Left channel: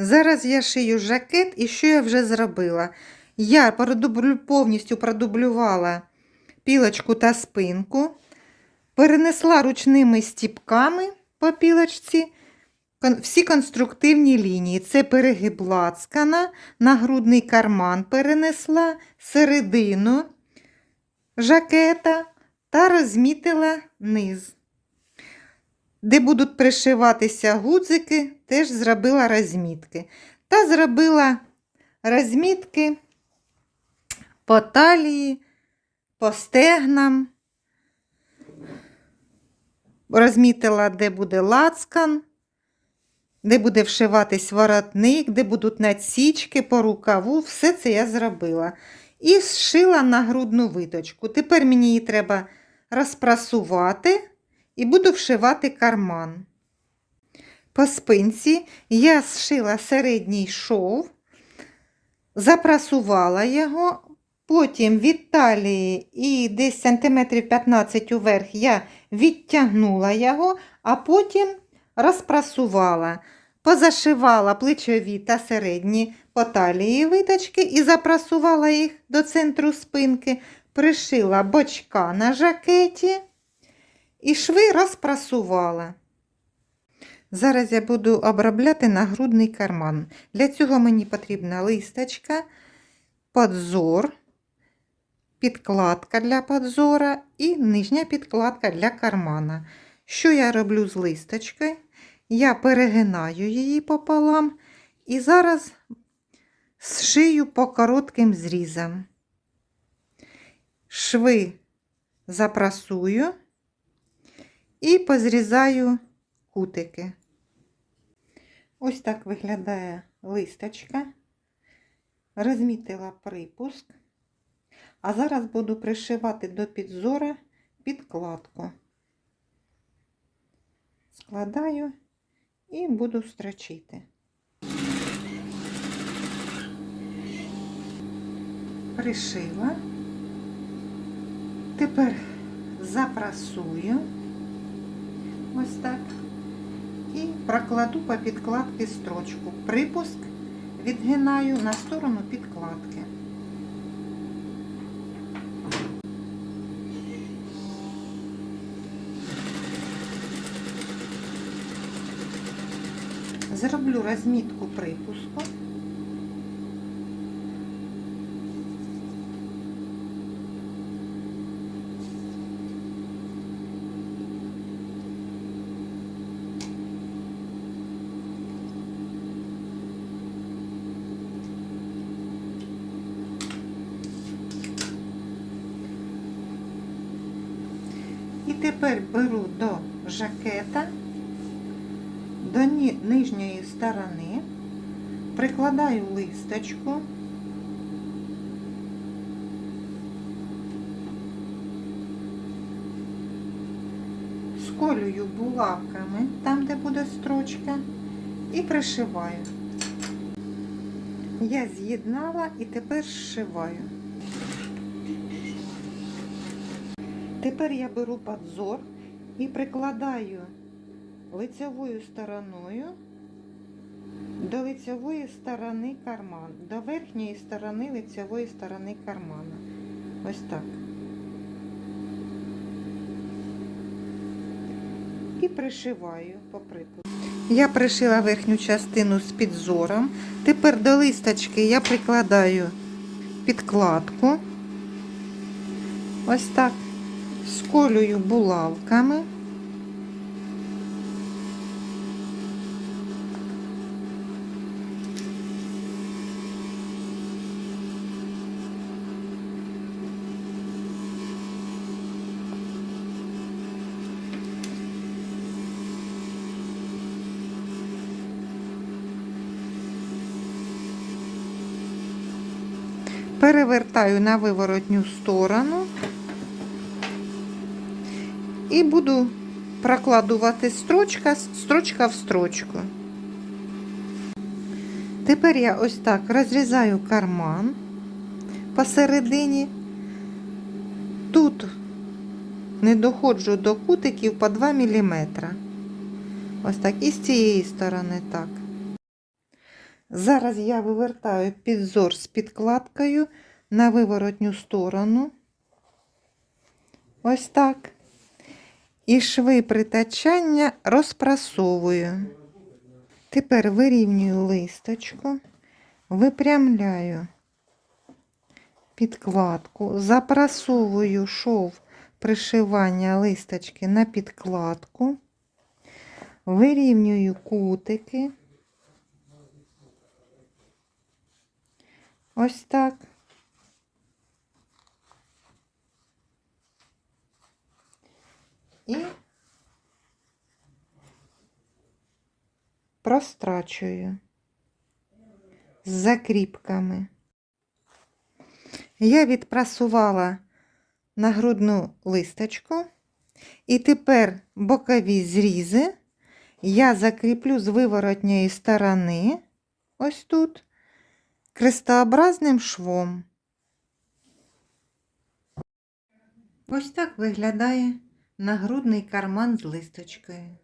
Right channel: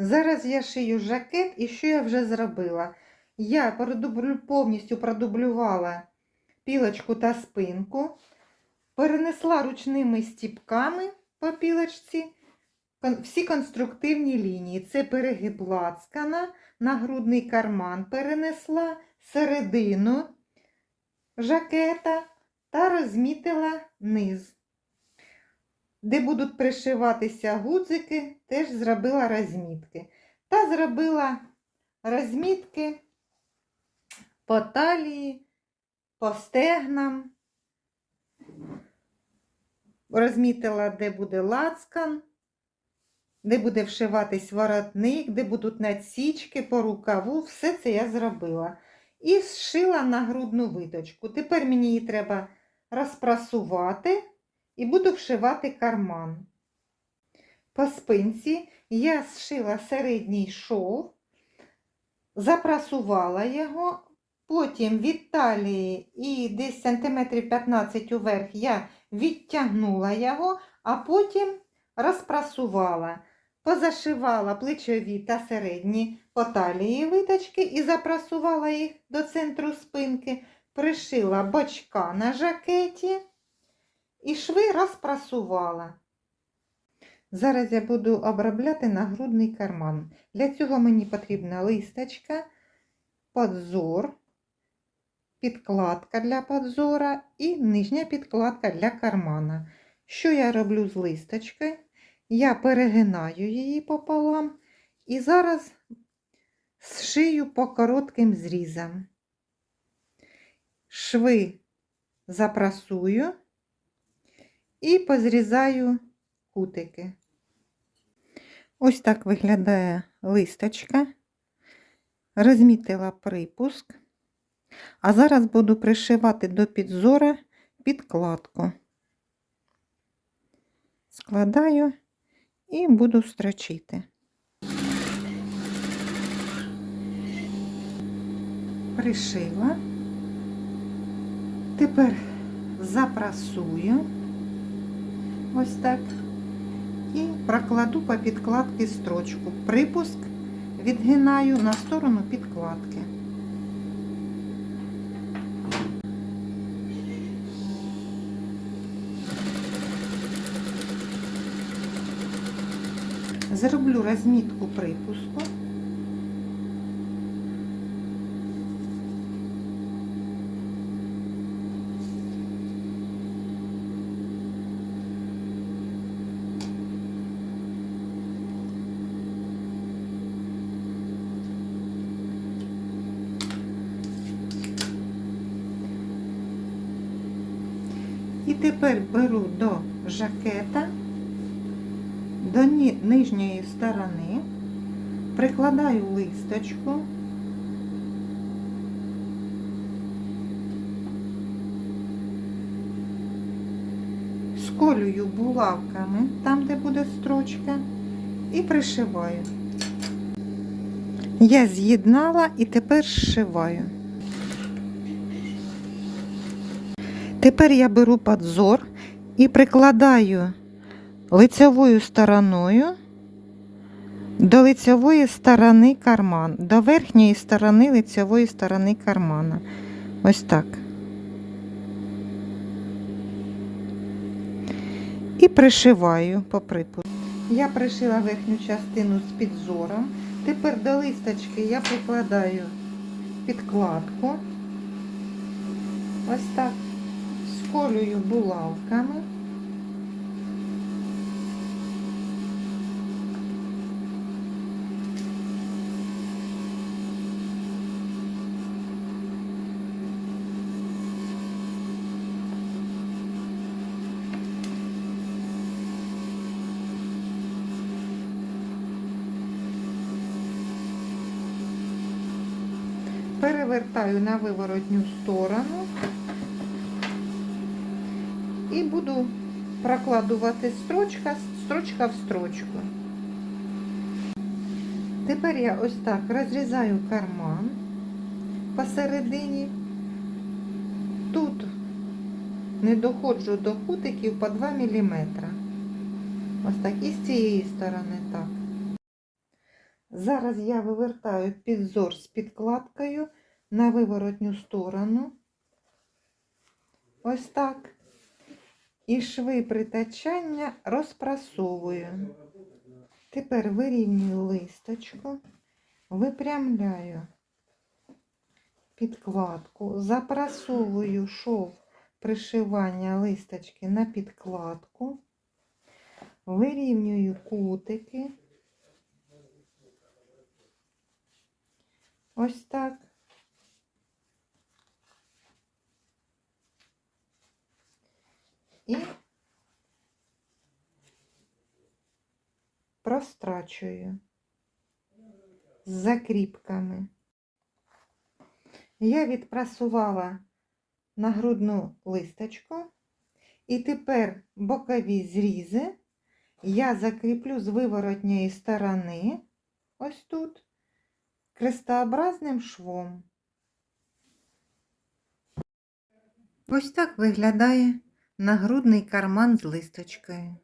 Зараз я шию жакет, і що я вже зробила? Я повністю продублювала пілочку та спинку, перенесла ручними стіпками по пілочці всі конструктивні лінії. Це перегиб лацкана, нагрудний карман перенесла, середину жакета та розмітила низ. Де будуть пришиватися гудзики, теж зробила розмітки. Та зробила розмітки по талії, по стегнам. Розмітила, де буде лацкан, де буде вшиватись воротник, де будуть надсічки по рукаву. Все це я зробила. І зшила нагрудну виточку. Тепер мені її треба розпрасувати і буду вшивати карман. По спинці я зшила середній шов, запрасувала його, потім від талії і десь сантиметрів 15 уверх я відтягнула його, а потім розпрасувала. Позашивала плечові та середні по талії виточки і запрасувала їх до центру спинки, пришила бочка на жакеті і шви розпрасувала. Зараз я буду обробляти нагрудний карман. Для цього мені потрібна листочка, подзор, підкладка для подзора і нижня підкладка для кармана. Що я роблю з листочкою? Я перегинаю її пополам і зараз зшию по коротким зрізам. Шви запрасую і позрізаю кутики. Ось так виглядає листочка. Розмітила припуск. А зараз буду пришивати до підзора підкладку. Складаю і буду строчити. Пришила. Тепер запрасую ось так і прокладу по підкладці строчку. Припуск відгинаю на сторону підкладки. Зроблю розмітку припуску. І тепер беру до жакета, до нижньої сторони, прикладаю листочку. Сколюю булавками там, де буде строчка, і пришиваю. Я з'єднала і тепер зшиваю. Тепер я беру подзор і прикладаю лицевою стороною до лицевої сторони карман, до верхньої сторони лицевої сторони кармана. Ось так. І пришиваю по припуску. Я пришила верхню частину з підзором. Тепер до листочки я прикладаю підкладку. Ось так сколюю булавками. Перевертаю на виворотню сторону і буду прокладувати строчка, строчка в строчку. Тепер я ось так розрізаю карман посередині. Тут не доходжу до кутиків по 2 мм. Ось так. І з цієї сторони так. Зараз я вивертаю підзор з підкладкою на виворотню сторону. Ось так. І шви притачання розпрасовую. Тепер вирівнюю листочку, випрямляю підкладку, запрасовую шов пришивання листочки на підкладку, вирівнюю кутики. Ось так. І прострачую з закріпками. Я відпрасувала нагрудну листочку, і тепер бокові зрізи я закріплю з виворотньої сторони, ось тут, крестообразним швом. Ось так виглядає нагрудний карман з листочкою.